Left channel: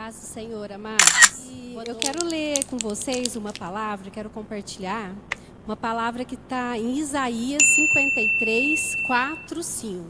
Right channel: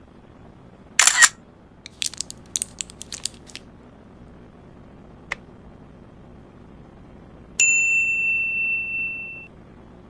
Paz do Senhor, amados. Eu quero ler com vocês uma palavra, quero compartilhar uma palavra que está em Isaías 53, 4, 5.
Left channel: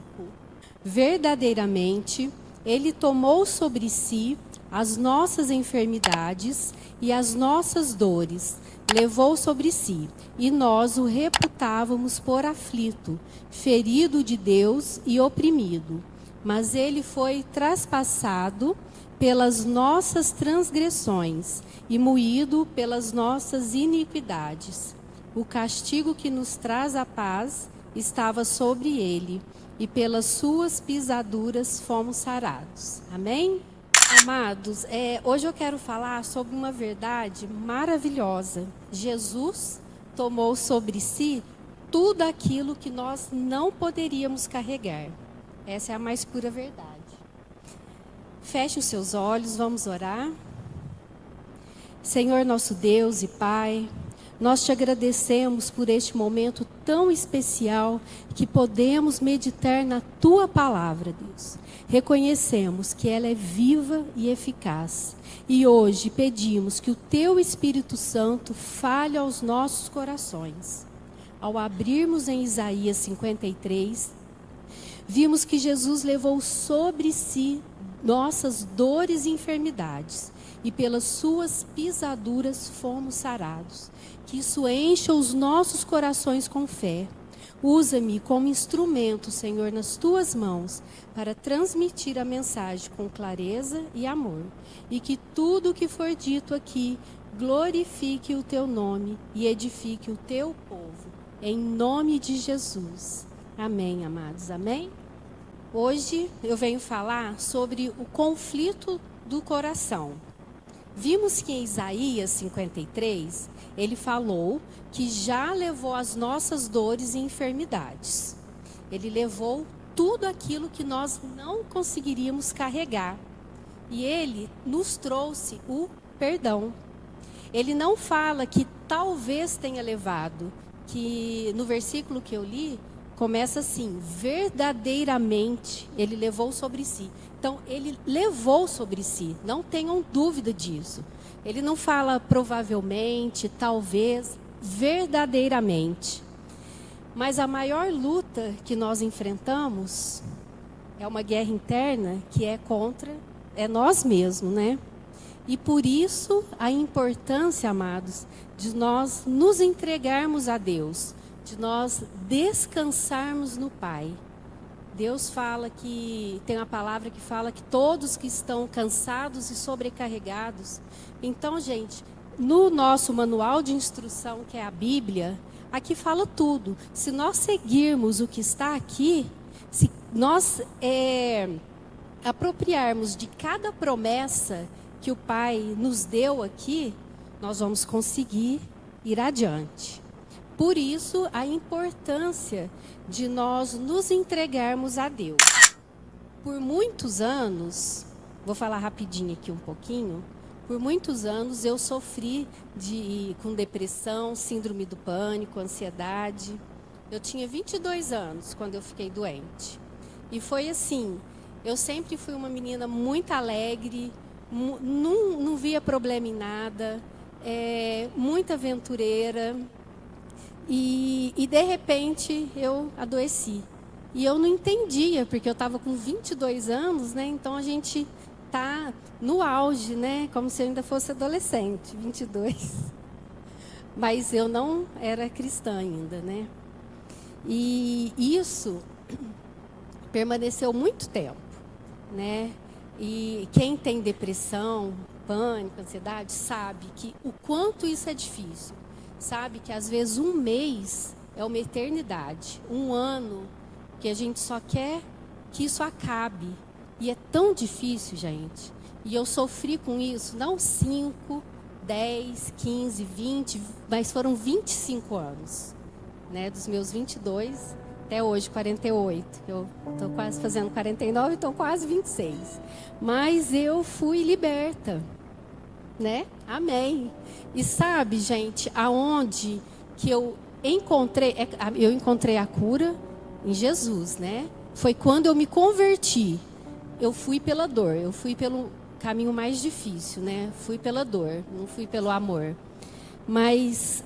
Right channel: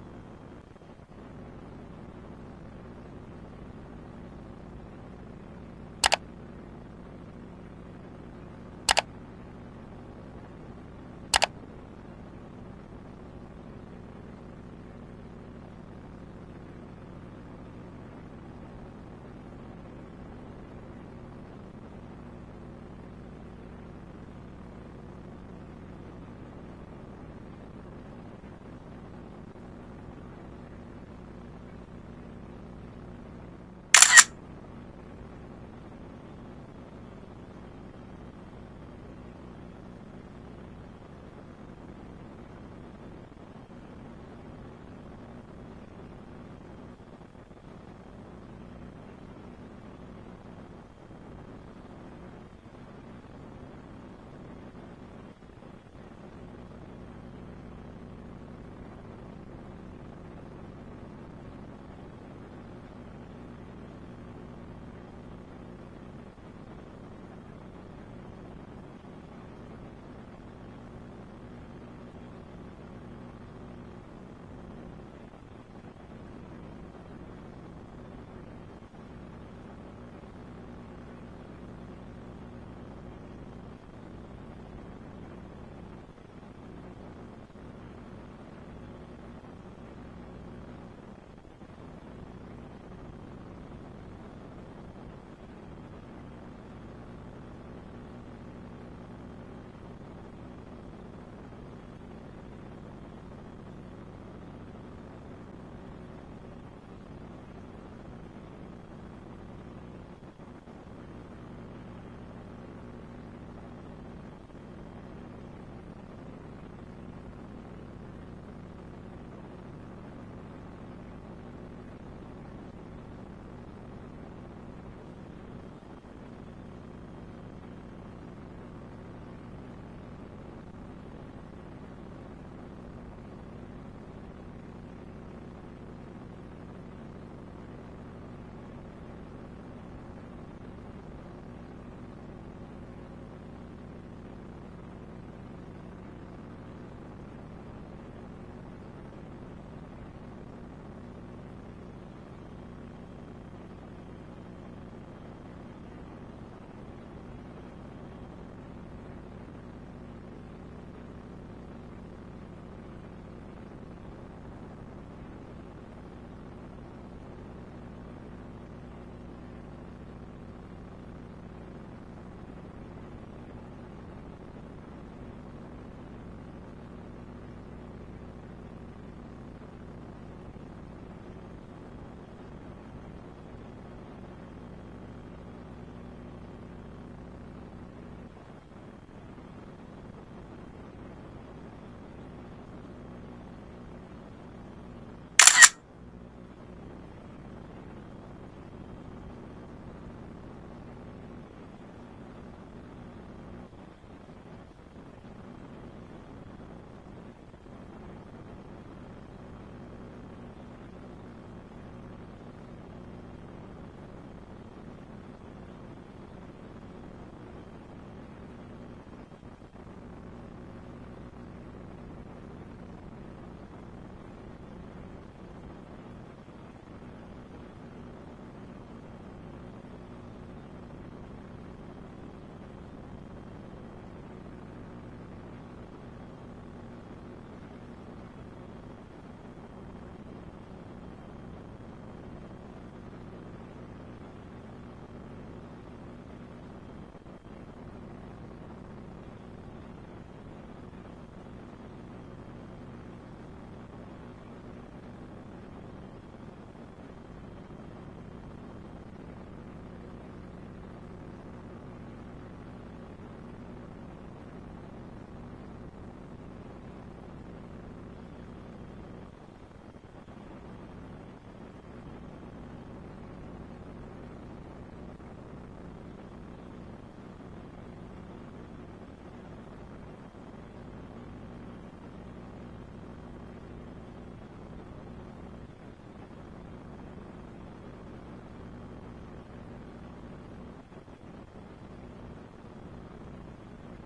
Verdadeiramente, Ele tomou sobre si as nossas enfermidades e as nossas dores, levou sobre si, e nós o reputávamos por aflito, ferido de Deus e oprimido. Mas Ele foi traspassado pelas nossas transgressões e moído pelas nossas iniquidades. O castigo que nos traz a paz estava sobre ele, e pelas suas pisaduras fomos sarados. Amém? Amados, hoje eu quero falar sobre uma verdade maravilhosa. Jesus tomou sobre si tudo aquilo que nós não poderíamos carregar. Essa é a mais pura verdade. Feche os seus olhos, vamos orar. Senhor nosso Deus e Pai, nós te agradecemos por este momento tão especial que podemos meditar na Tua palavra, Deus. Reconhecemos que ela é viva e eficaz. E hoje pedimos que o Teu Espírito Santo fale aos nossos corações. Ao abrirmos em Isaías 53, vimos que Jesus levou sobre si nossas dores e enfermidades, e pelas suas pisaduras fomos sarados. Que isso encha os nossos corações com fé. Usa-me como instrumento, Senhor, nas tuas mãos, para transmitir a mensagem com clareza e amor. E que tudo o que for dito aqui glorifique o teu nome e edifique o teu povo. Em nome de Jesus. Amém, amados. Amém? Hoje eu venho falar sobre o conflito do coração. Vimos que em Isaías 53, ele falou que já levou as nossas dores e enfermidades. Ele levou tudo aquilo que nós não conseguiríamos carregar. E ele nos trouxe o perdão. Ele não fala que talvez tenha levado, que no versículo que eu li, começa assim: verdadeiramente ele levou sobre si. Então, ele levou sobre si, não tenham dúvida disso. Ele não fala provavelmente, talvez, verdadeiramente. Mas a maior luta que nós enfrentamos é uma guerra interna que é contra nós mesmos, né? E por isso a importância, amados, de nós nos entregarmos a Deus, de nós descansarmos no Pai. Deus fala que, tem uma palavra que fala que todos que estão cansados e sobrecarregados. Então, gente, no nosso manual de instrução, que é a Bíblia, aqui fala tudo. Se nós seguirmos o que está aqui, se nós apropriarmos de cada promessa que o Pai nos deu aqui, nós vamos conseguir ir adiante. Por isso, a importância de nós nos entregarmos a Deus. Por muitos anos, vou falar rapidinho aqui um pouquinho, por muitos anos eu sofri com depressão, síndrome do pânico, ansiedade. Eu tinha 22 anos quando eu fiquei doente. E foi assim, eu sempre fui uma menina muito alegre, não via problema em nada, muito aventureira. E de repente eu adoeci. E eu não entendia, porque eu estava com 22 anos, né? Então a gente tá no auge, né? Como se eu ainda fosse adolescente, 22. Mas eu não era cristã ainda, né? E isso permaneceu muito tempo, né? E quem tem depressão, pânico, ansiedade, sabe que o quanto isso é difícil. Sabe que às vezes um mês é uma eternidade, um ano que a gente só quer que isso acabe. E é tão difícil, gente. E eu sofri com isso, não 5, 10, 15, 20, mas foram 25 anos. Né? Dos meus 22 até hoje, 48. Eu estou quase fazendo 49, então quase 26. Mas eu fui liberta. Né? Amém. E sabe, gente, aonde que eu encontrei a cura em Jesus, né? Foi quando eu me converti. Eu fui pela dor, eu fui caminho mais difícil, né? Fui pela dor, não fui pelo amor. Mas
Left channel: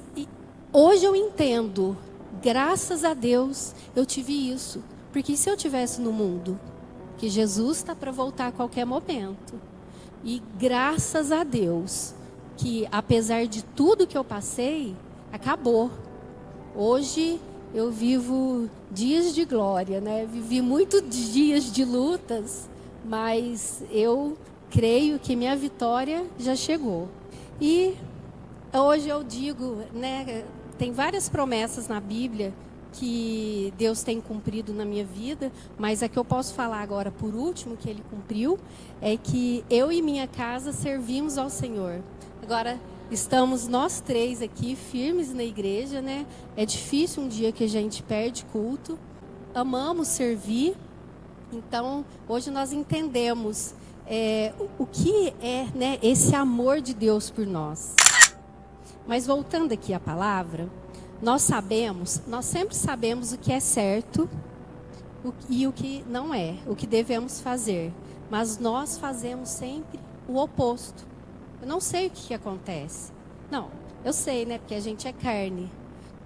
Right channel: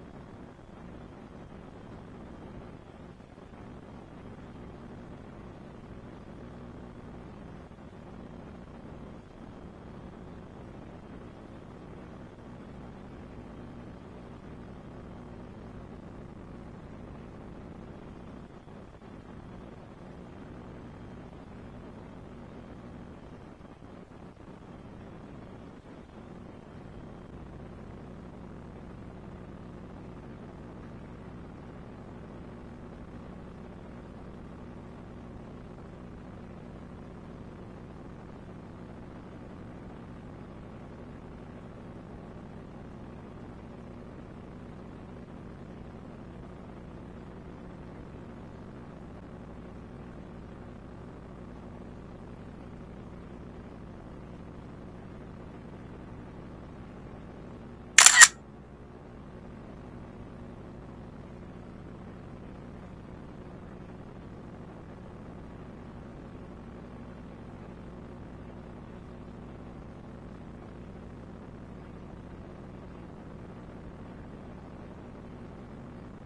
hoje eu entendo, graças a Deus, eu tive isso. Porque se eu tivesse no mundo, que Jesus está para voltar a qualquer momento, e graças a Deus, que apesar de tudo que eu passei, acabou. Hoje eu vivo dias de glória, né? Vivi muitos dias de lutas, mas eu creio que minha vitória já chegou. E hoje eu digo, né? Tem várias promessas na Bíblia que Deus tem cumprido na minha vida, mas a que eu posso falar agora por último que Ele cumpriu é que eu e minha casa servimos ao Senhor. Agora estamos nós três aqui firmes na igreja, né? É difícil um dia que a gente perde culto. Amamos servir. Então hoje nós entendemos o que é, né, esse amor de Deus por nós. Mas voltando aqui à palavra, nós sempre sabemos o que é certo e o que não é, o que devemos fazer. Mas nós fazemos sempre o oposto. Eu não sei o que acontece. Não, eu sei, né? Porque a gente é carne.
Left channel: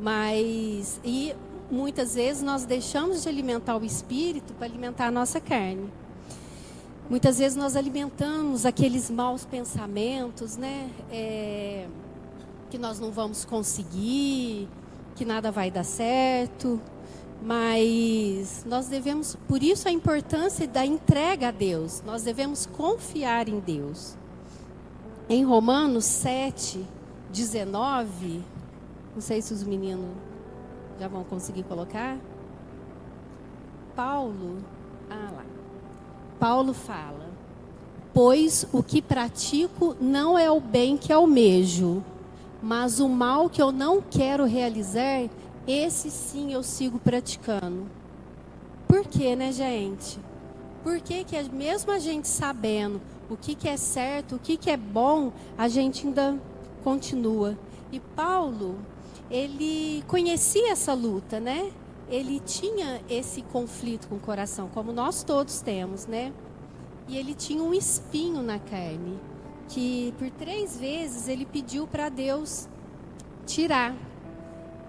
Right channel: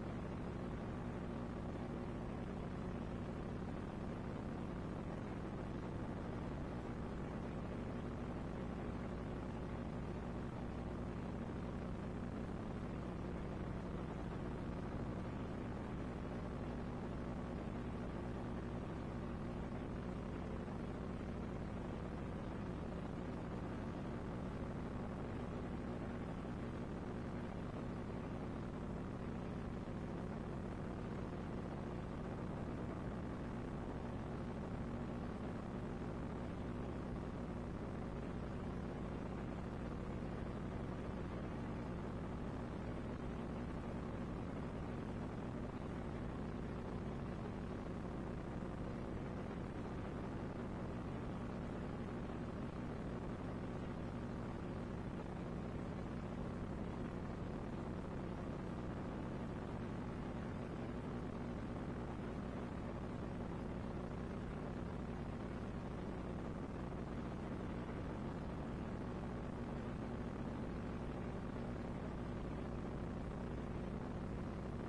Mas, e muitas vezes nós deixamos de alimentar o espírito para alimentar a nossa carne. Muitas vezes nós alimentamos aqueles maus pensamentos, né? Que nós não vamos conseguir, que nada vai dar certo. Mas nós devemos, por isso a importância da entrega a Deus. Nós devemos confiar em Deus. Em Romanos 7, 19, não sei se os meninos já vão conseguir colocar. Paulo fala: pois o que pratico não é o bem que almejo, mas o mal que eu não quero realizar, esse sim eu sigo praticando. Por quê, né, gente? Por que mesmo a gente sabendo o que é certo, o que é bom, a gente ainda continua? E Paulo, ele conhecia essa luta, né? Ele tinha esse conflito com o coração, como nós todos temos, né? E ele tinha um espinho na carne, que por 3 vezes ele pediu para Deus tirar.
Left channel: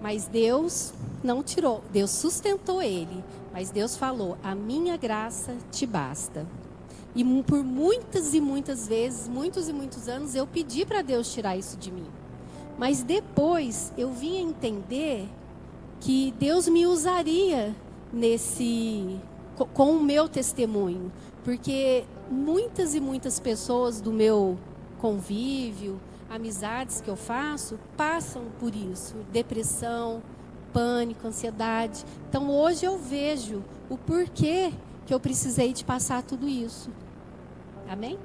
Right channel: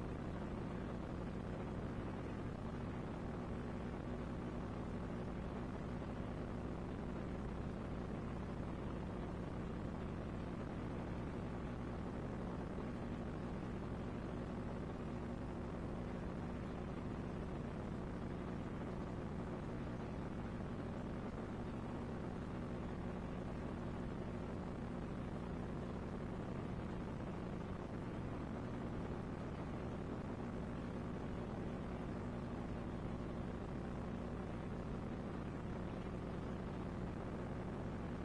Mas Deus não tirou, Deus sustentou ele. Mas Deus falou: a minha graça te basta. E por muitas e muitas vezes, muitos e muitos anos, eu pedi para Deus tirar isso de mim. Mas depois eu vim a entender que Deus me usaria com o meu testemunho. Porque muitas e muitas pessoas do meu convívio, amizades que eu faço, passam por isso. Depressão, pânico, ansiedade. Então hoje eu vejo o porquê que eu precisei de passar tudo isso. Amém?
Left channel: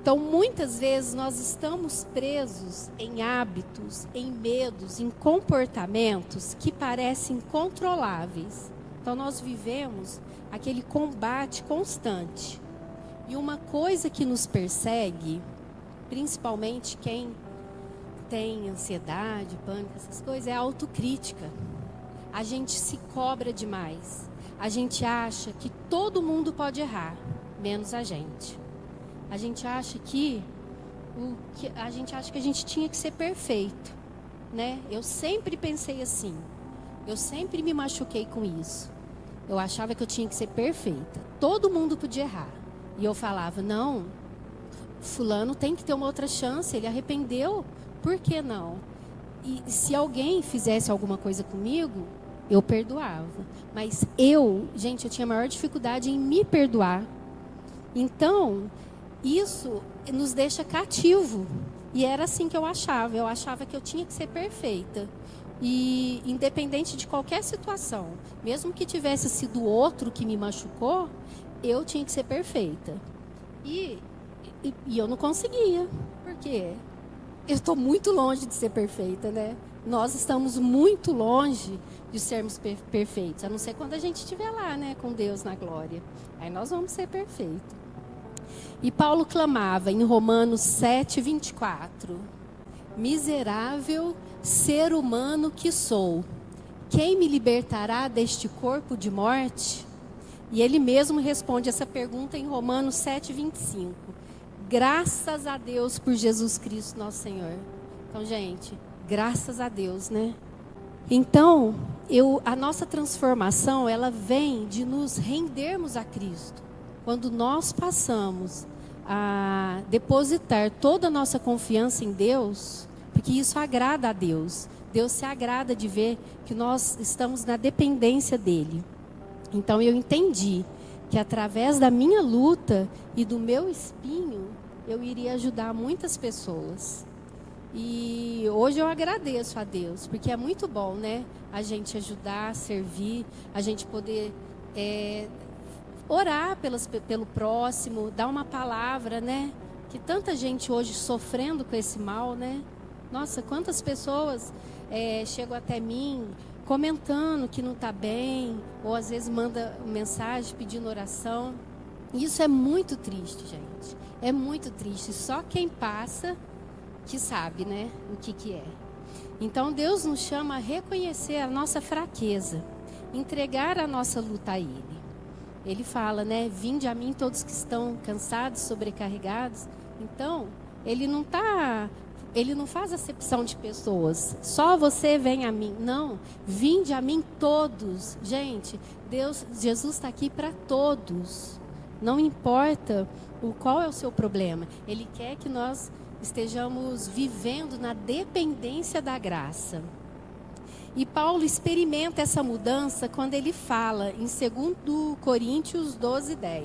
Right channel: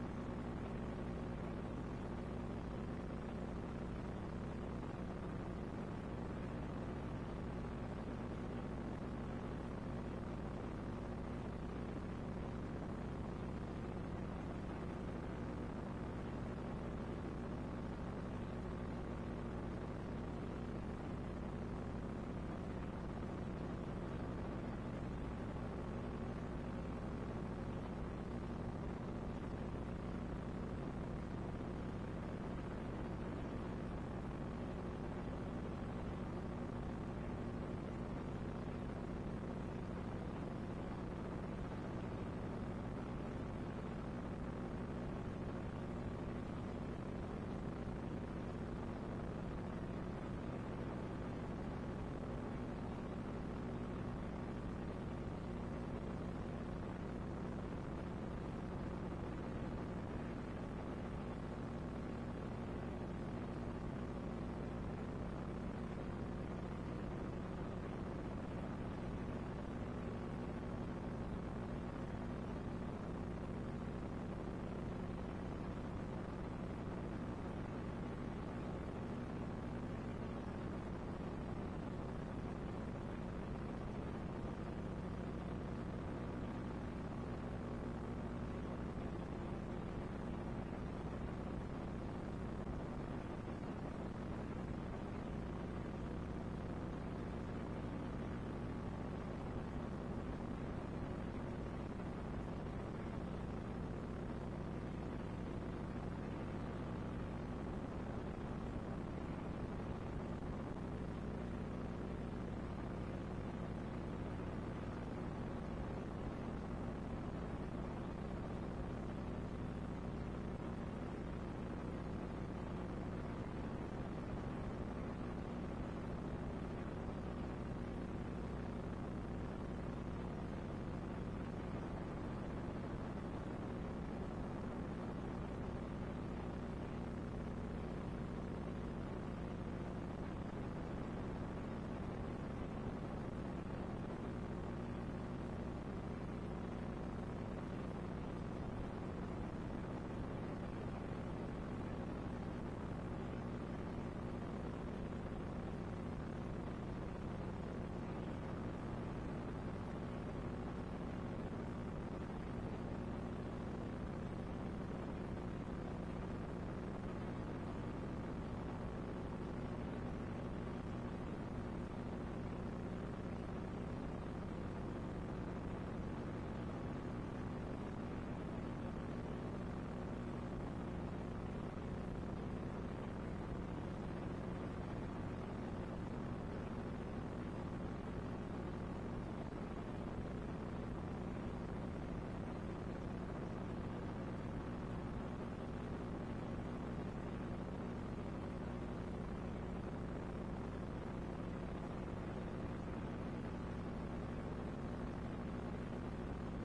Então muitas vezes nós estamos presos em hábitos, em medos, em comportamentos que parecem incontroláveis. Então nós vivemos aquele combate constante. E uma coisa que nos persegue, principalmente quem tem ansiedade, pânico, essas coisas, é a autocrítica. A gente se cobra demais. A gente acha que todo mundo pode errar, menos a gente. A gente acha que a gente tinha que ser perfeito, né? Eu sempre pensei assim. Eu sempre me machuquei com isso. Eu achava que eu tinha que ser perfeita. Todo mundo podia errar. E eu falava: não, fulano tem que ter uma outra chance, ele arrependeu, por que não? E se alguém fizesse alguma coisa comigo, eu perdoava. Mas eu tinha maior dificuldade em me perdoar. Então, isso nos deixa cativo. E era assim que eu achava que eu tinha que ser perfeita. E independente de qualquer situação, mesmo que tivesse sido outro que me machucou, eu tinha que ser perfeita. E eu não conseguia. Por quê? Eu estou muito longe de ser perfeita, né? Nós estamos muito longe de sermos perfeitos. A não ser quando a gente estiver lá, né? Com Deus na glória. Aí nós vamos ser perfeitos. E Paulo clamava em Romanos 7, 24. Miserável ser humano que sou, quem me libertará deste corpo de morte? E ele mesmo responde essa pergunta em Romanos 7, 25. Graças a Deus por Jesus Cristo, nosso Senhor. Então, gente, graças a Deus, né? Então, a nossa transformação, ela vem de nos rendermos a Cristo. Quando nós passamos a depositar toda a nossa confiança em Deus, porque isso agrada a Deus. Deus se agrada de ver que nós estamos na dependência dEle. Então, eu entendi que através da minha luta e do meu espinho, eu iria ajudar muitas pessoas. E hoje eu agradeço a Deus, porque é muito bom, né? A gente ajudar, servir, a gente poder orar pelo próximo, dar uma palavra, né? Que tanta gente hoje sofrendo com esse mal, né? Nossa, quantas pessoas chegam até mim comentando que não está bem, ou às vezes manda mensagem pedindo oração. Isso é muito triste, gente. É muito triste. Só quem passa que sabe, né, o que é. Então Deus nos chama a reconhecer a nossa fraqueza, entregar a nossa luta a Ele. Ele fala, né, vinde a mim todos que estão cansados, sobrecarregados. Então, Ele não faz acepção de pessoas. Só você vem a mim. Não, vinde a mim todos. Gente, Jesus está aqui para todos. Não importa qual é o seu problema. Ele quer que nós estejamos vivendo na dependência da graça. E Paulo experimenta essa mudança quando ele fala em 2 Coríntios 12:10.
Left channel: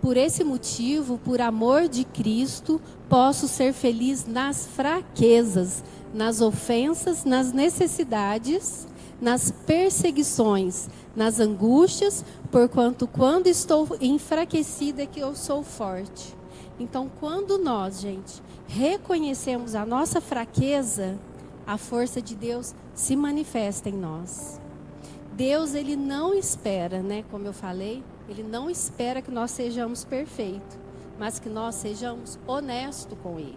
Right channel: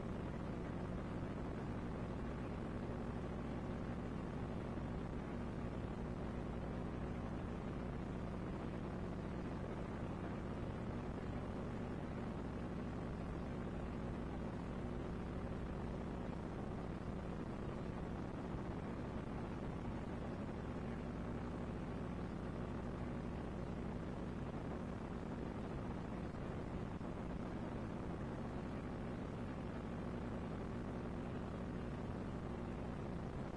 Por esse motivo, por amor de Cristo, posso ser feliz nas fraquezas, nas ofensas, nas necessidades, nas perseguições, nas angústias, porquanto quando estou enfraquecida é que eu sou forte. Então, quando nós, gente, reconhecemos a nossa fraqueza, a força de Deus se manifesta em nós. Deus, Ele não espera, né, como eu falei, Ele não espera que nós sejamos perfeitos, mas que nós sejamos honestos com Ele.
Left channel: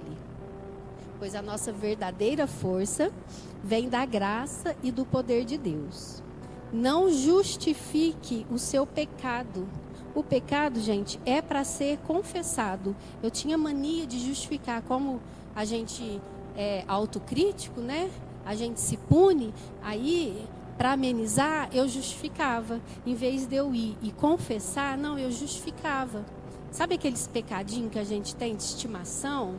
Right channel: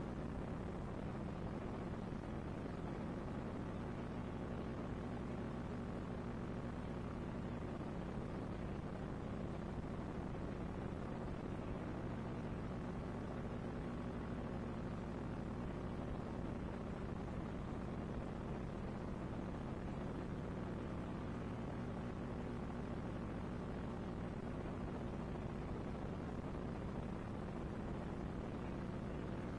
Pois a nossa verdadeira força vem da graça e do poder de Deus. Não justifique o seu pecado. O pecado, gente, é para ser confessado. Eu tinha mania de justificar, como a gente é autocrítico, né? A gente se pune, aí, para amenizar, eu justificava. Em vez de eu ir e confessar, não, eu justificava. Sabe aqueles pecadinhos que a gente tem de estimação?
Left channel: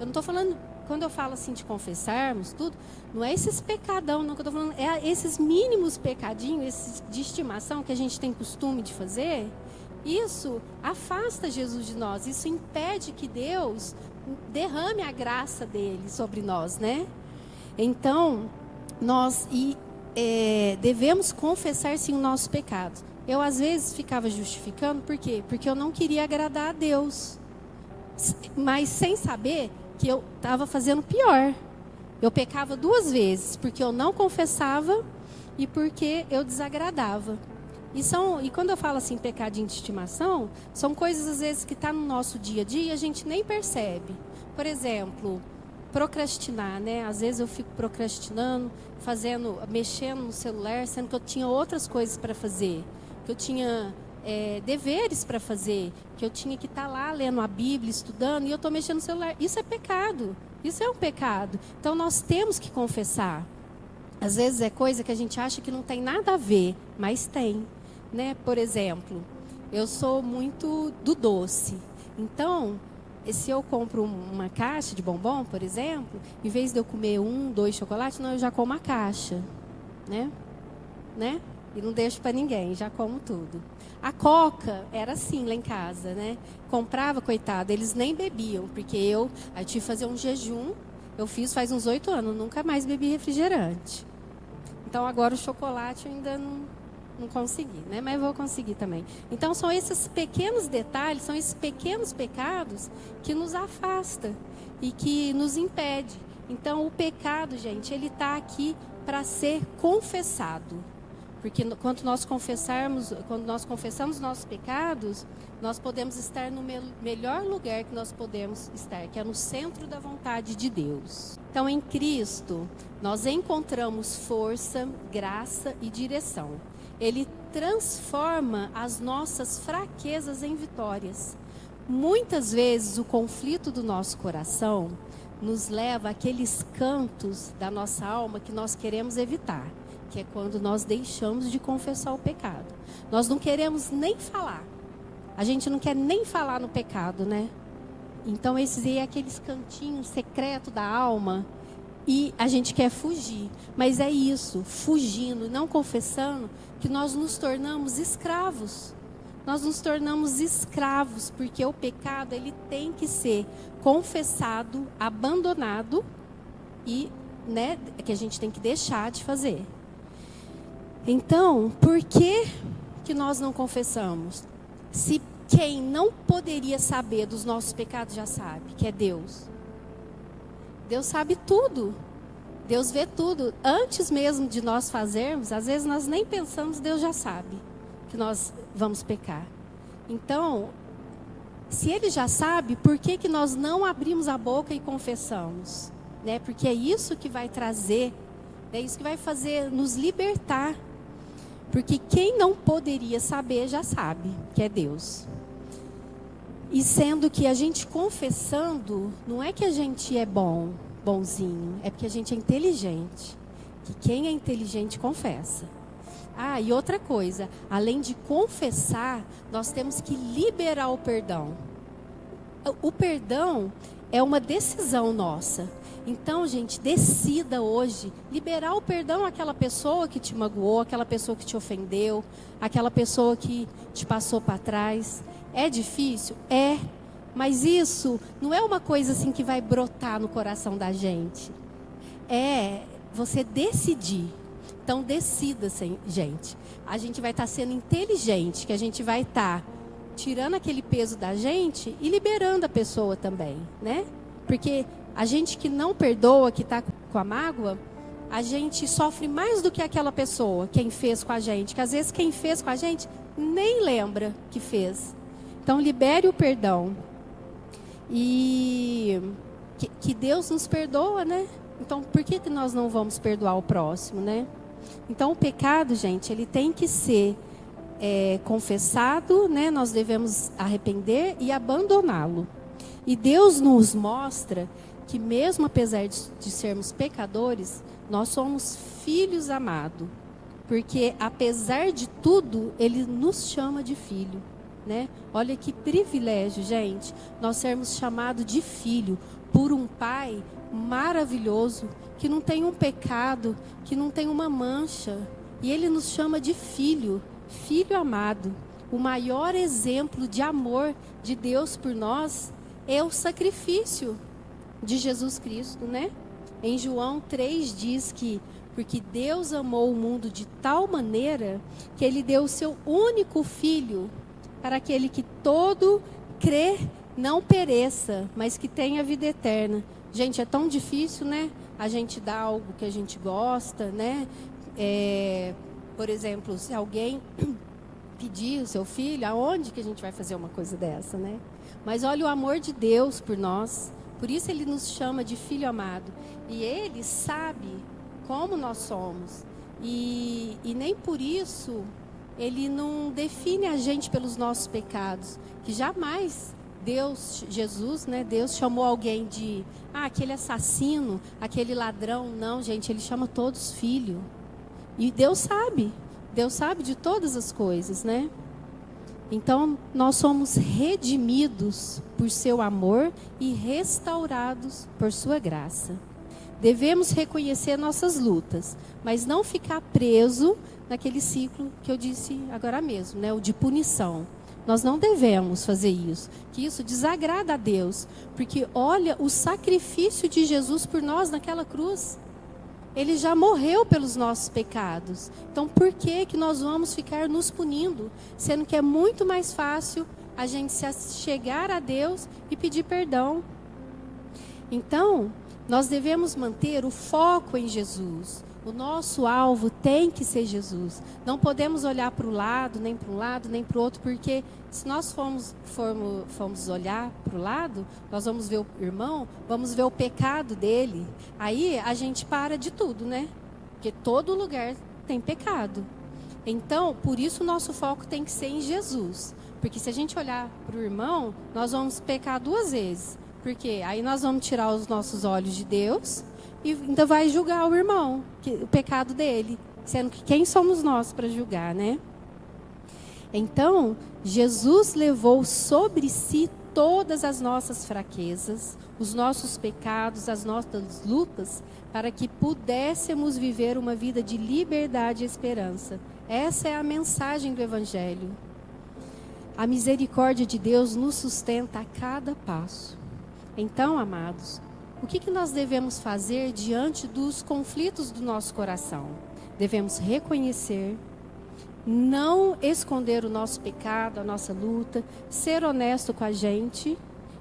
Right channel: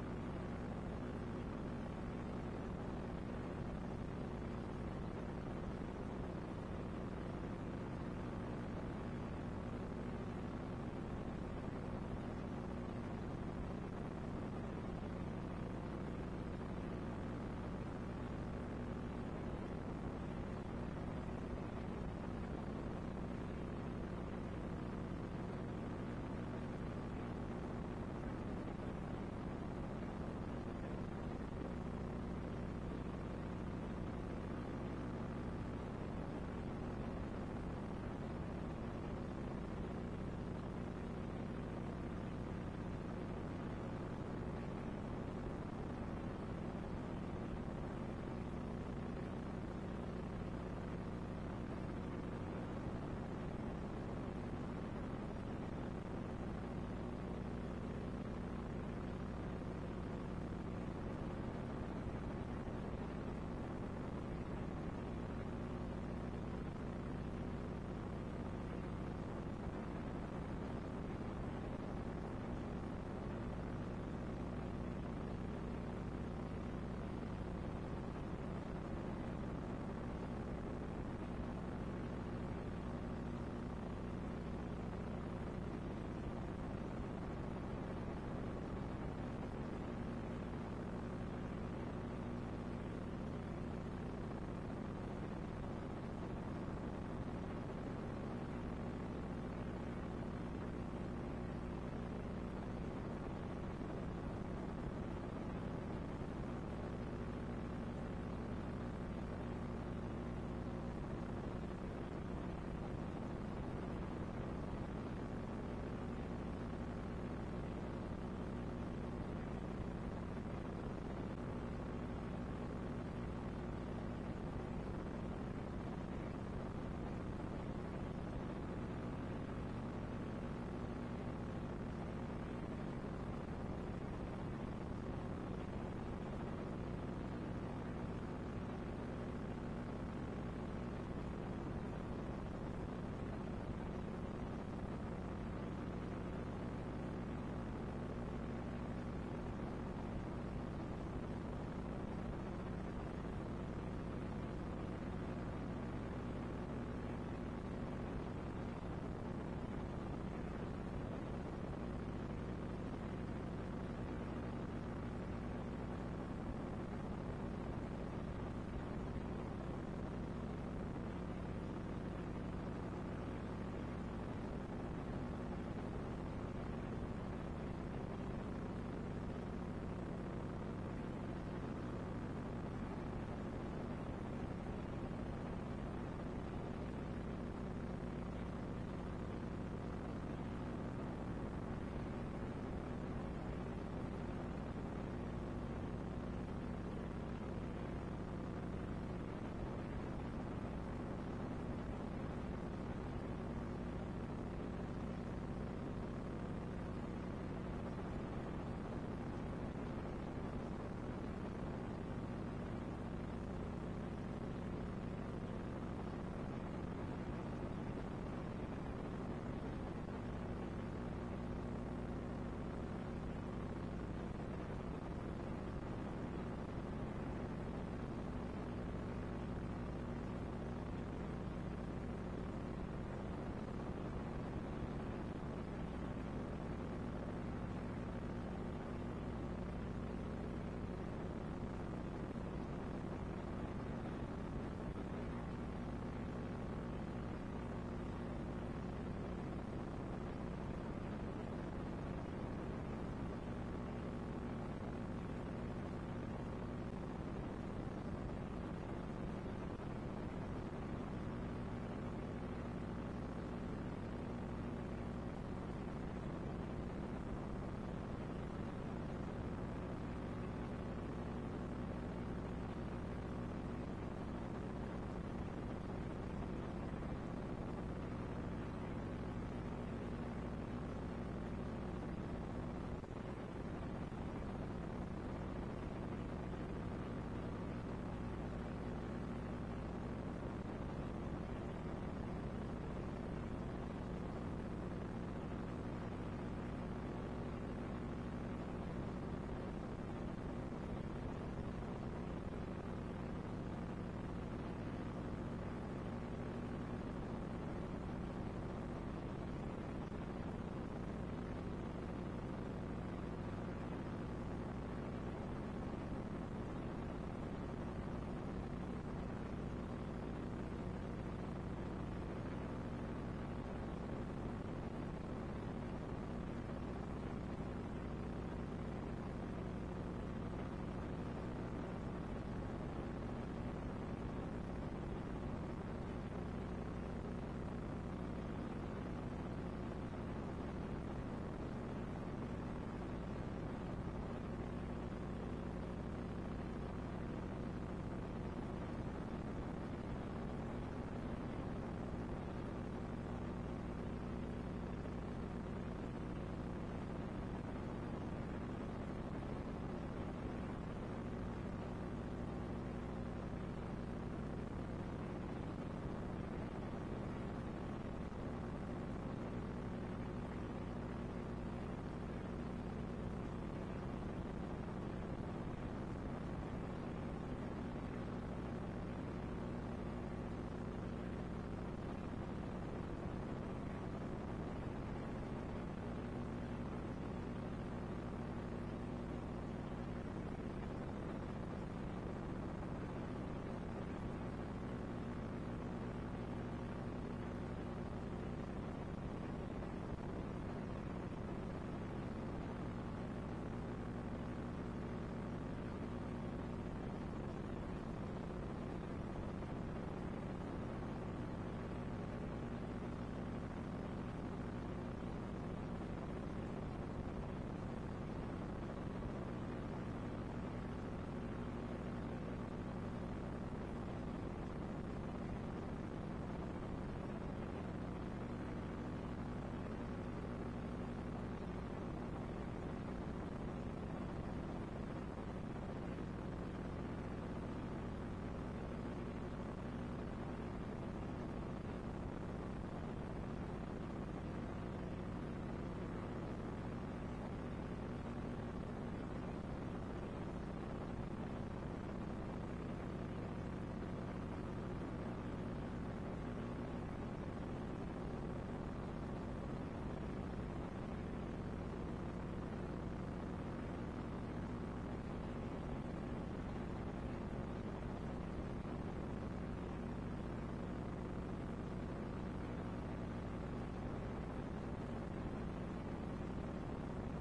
Eu não estou falando, quando eu falo assim de confessarmos, tudo, não é esses pecadão, não, que eu estou falando, é esses mínimos pecadinhos, esses de estimação que a gente tem costume de fazer. Isso afasta Jesus de nós, isso impede que Deus derrame a graça dele sobre nós, né? Então, nós devemos confessar sim o nosso pecado. Eu às vezes ficava justificando, por quê? Porque eu não queria agradar a Deus, mas sem saber que eu estava fazendo pior. Eu pecava 2 vezes, porque eu não confessava e porque eu desagradava. E quando eu falo assim, pecadinho de estimação, são coisas às vezes que estão no nosso dia a dia e a gente nem percebe. Por exemplo, procrastinar, né? Às vezes eu fico procrastinando, mexendo no celular, sendo que eu tinha outras coisas para fazer, que eu tinha deveres para fazer, que eu tinha que estar lá lendo a Bíblia, estudando, e eu estou mexendo no celular. Isso é pecado, isso é um pecado. Então nós temos que confessar. Às vezes é coisa que a gente acha que não tem nada a ver, mas tem, né? Por exemplo, eu sou muito do doce. Então, se eu compro uma caixa de bombom, por exemplo, em vez de eu comer 1, 2 chocolates, não, eu já como a caixa, né? E não deixo para ninguém, já como tudo. A Coca era assim lá em casa, né? Comprava, coitado, eles nem bebiam, porque eu tive que fazer um jejum. Eu fiz faz uns 8 anos, nunca mais bebi refrigerante. Então agora o chocolate eu ainda não consegui, né? Mas vou conseguir também. Então são esses pequenos detalhes, são esses pequenos pecados que nos afastam e que nos impede. Então o pecado, gente, ele está aqui para ser confessado. Porque quando nós confessamos nossos pecados, nós podemos estar no melhor lugar que nós podemos estar, que é no centro da vontade de Deus. Então, em Cristo, nós encontramos força, graça e direção. Ele transforma as nossas fraquezas em vitórias. Muitas vezes o conflito do nosso coração nos leva àqueles cantos da nossa alma que nós queremos evitar, que é quando nós deixamos de confessar o pecado. Nós não queremos nem falar. A gente não quer nem falar no pecado, né? Então esses aí é aqueles cantinhos secretos da alma e a gente quer fugir. Mas é isso, fugindo, não confessando, que nós nos tornamos escravos. Nós nos tornamos escravos, porque o pecado ele tem que ser confessado, abandonado e, né, que a gente tem que deixar de fazer. Então, por que nós não confessamos? Se quem não poderia saber dos nossos pecados já sabe, que é Deus. Deus sabe tudo. Deus vê tudo. Antes mesmo de nós fazermos, às vezes nós nem pensamos, Deus já sabe que nós vamos pecar. Então, se Ele já sabe, por que nós não abrimos a boca e confessamos? Né? Porque é isso que vai trazer, é isso que vai fazer nos libertar. Porque quem não poderia saber já sabe, que é Deus. E sendo que a gente confessando, não é que a gente é bonzinho, é porque a gente é inteligente. Que quem é inteligente confessa. Ah, e outra coisa, além de confessar, nós temos que liberar o perdão. O perdão é uma decisão nossa. Então, gente, decida hoje liberar o perdão àquela pessoa que te magoou, àquela pessoa que te ofendeu, àquela pessoa que te passou para trás. É difícil? É. Mas isso não é uma coisa assim que vai brotar no coração da gente. É você decidir. Então, decida, gente. A gente vai estar sendo inteligente, que a gente vai estar tirando aquele peso da gente e liberando a pessoa também, né? Porque a gente que não perdoa, que está com a mágoa, a gente sofre mais do que aquela pessoa, quem fez com a gente. Que às vezes quem fez com a gente nem lembra que fez. Então, libere o perdão. E que Deus nos perdoa, né? Então, por que nós não vamos perdoar o próximo, né? Então, o pecado, gente, ele tem que ser confessado, né? Nós devemos arrepender e abandoná-lo. E Deus nos mostra que mesmo apesar de sermos pecadores, nós somos filhos amados. Porque apesar de tudo, Ele nos chama de filho, né? Olha que privilégio, gente, nós sermos chamados de filho por um Pai maravilhoso, que não tem um pecado, que não tem uma mancha. E Ele nos chama de filho, filho amado. O maior exemplo de amor de Deus por nós é o sacrifício de Jesus Cristo, né? Em João 3 diz que porque Deus amou o mundo de tal maneira que Ele deu o seu único filho para aquele que todo crê não pereça, mas que tenha vida eterna. Gente, é tão difícil, né? A gente dá algo que a gente gosta, né? Por exemplo, se alguém pedir o seu filho, aonde que a gente vai fazer uma coisa dessa, né? Mas olha o amor de Deus por nós. Por isso Ele nos chama de filho amado. E Ele sabe como nós somos. E nem por isso Ele não define a gente pelos nossos pecados. Que jamais Deus, Jesus, né? Deus chamou alguém de aquele assassino, aquele ladrão. Não, gente, Ele chama todos filho. E Deus sabe de todas as coisas, né? Então, nós somos redimidos por seu amor e restaurados por sua graça. Devemos reconhecer nossas lutas, mas não ficar preso naquele ciclo que eu disse agora mesmo, né? O de punição. Nós não devemos fazer isso, que isso desagrada a Deus, porque olha o sacrifício de Jesus por nós naquela cruz. Ele já morreu pelos nossos pecados. Então, por que nós vamos ficar nos punindo? Sendo que é muito mais fácil a gente se chegar a Deus e pedir perdão. Então, nós devemos manter o foco em Jesus. O nosso alvo tem que ser Jesus. Não podemos olhar para o lado, nem para um lado, nem para o outro, porque se nós formos olhar para o lado, nós vamos ver o irmão, vamos ver o pecado dele. Aí a gente para de tudo, né? Porque todo lugar tem pecado. Então, por isso o nosso foco tem que ser em Jesus. Porque se a gente olhar para o irmão, nós vamos pecar 2 vezes. Porque aí nós vamos tirar os nossos olhos de Deus e ainda vai julgar o irmão, o pecado dele. Sendo que quem somos nós para julgar, né? Então, Jesus levou sobre si todas as nossas fraquezas, os nossos pecados, as nossas lutas, para que pudéssemos viver uma vida de liberdade e esperança. Essa é a mensagem do Evangelho. A misericórdia de Deus nos sustenta a cada passo. Então, amados, o que nós devemos fazer diante dos conflitos do nosso coração? Devemos reconhecer, não esconder o nosso pecado, a nossa luta, ser honesto com a gente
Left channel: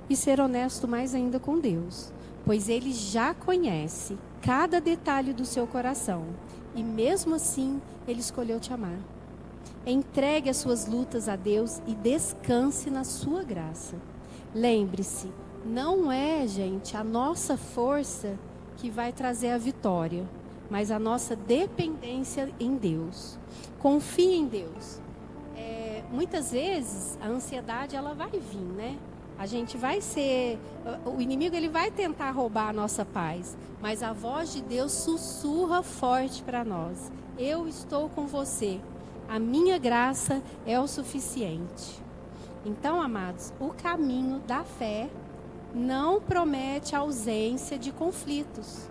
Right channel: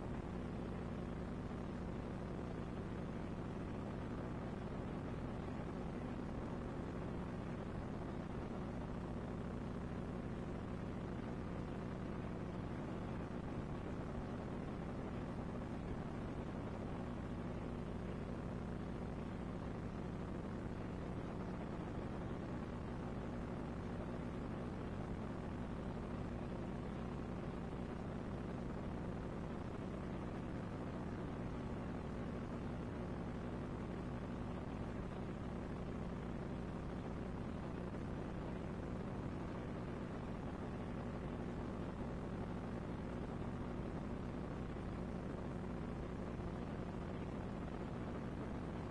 e ser honesto mais ainda com Deus, pois Ele já conhece cada detalhe do seu coração e mesmo assim Ele escolheu te amar. Entregue as suas lutas a Deus e descanse na sua graça. Lembre-se, não é, gente, a nossa força que vai trazer a vitória, mas a nossa dependência em Deus. Confie em Deus. Muitas vezes a ansiedade ela vai vir, né? A gente vai ser, o inimigo ele vai tentar roubar a nossa paz, mas a voz de Deus sussurra forte para nós. Eu estou com você. A minha graça é o suficiente. Então, amados, o caminho da fé não promete a ausência de conflitos,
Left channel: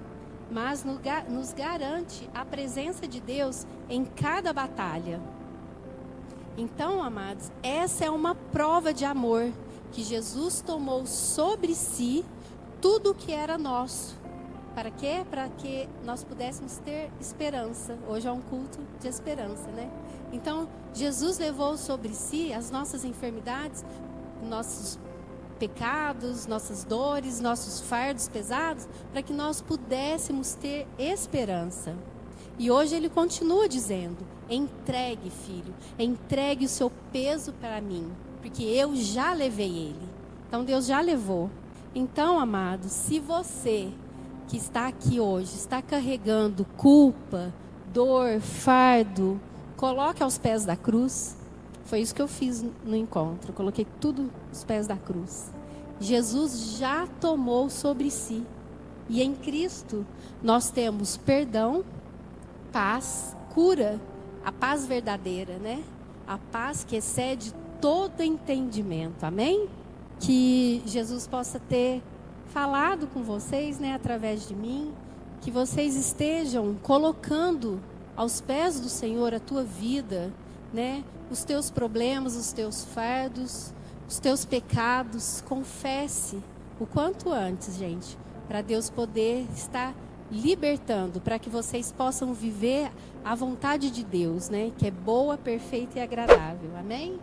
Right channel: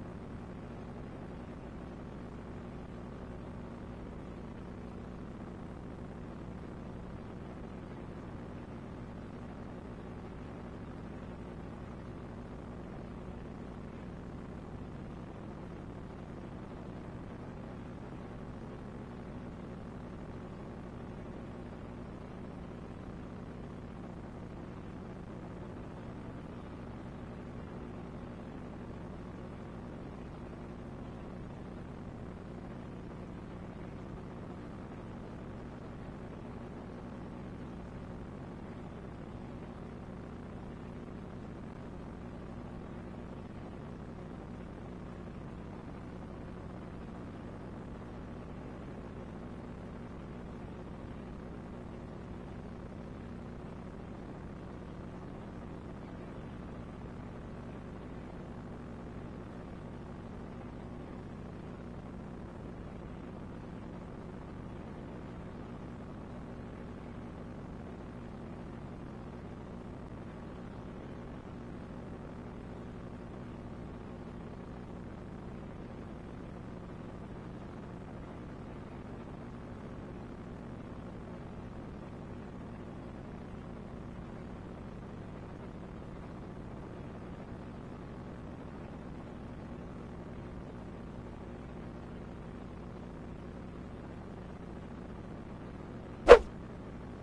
mas nos garante a presença de Deus em cada batalha. Então, amados, essa é uma prova de amor, que Jesus tomou sobre si tudo o que era nosso. Para quê? Para que nós pudéssemos ter esperança. Hoje é um culto de esperança, né? Então, Jesus levou sobre si as nossas enfermidades, nossos pecados, nossas dores, nossos fardos pesados, para que nós pudéssemos ter esperança. E hoje Ele continua dizendo: entregue, filho, entregue o seu peso para mim, porque eu já levei ele. Então Deus já levou. Então, amado, se você que está aqui hoje está carregando culpa, dor, fardo, coloque aos pés da cruz. Foi isso que eu fiz no encontro. Coloquei tudo aos pés da cruz. Jesus já tomou sobre si. E em Cristo nós temos perdão, paz, cura, a paz verdadeira, né? A paz que excede todo entendimento. Amém? Que Jesus possa ter falado com vocês, né, através de mim, que vocês estejam colocando aos pés do Senhor a tua vida, né? Os teus problemas, os teus fardos, os teus pecados. Confesse o quanto antes, gente, para Deus poder estar libertando, para que vocês possam viver a vontade de Deus, né? Que é boa, perfeita e agradável. Amém?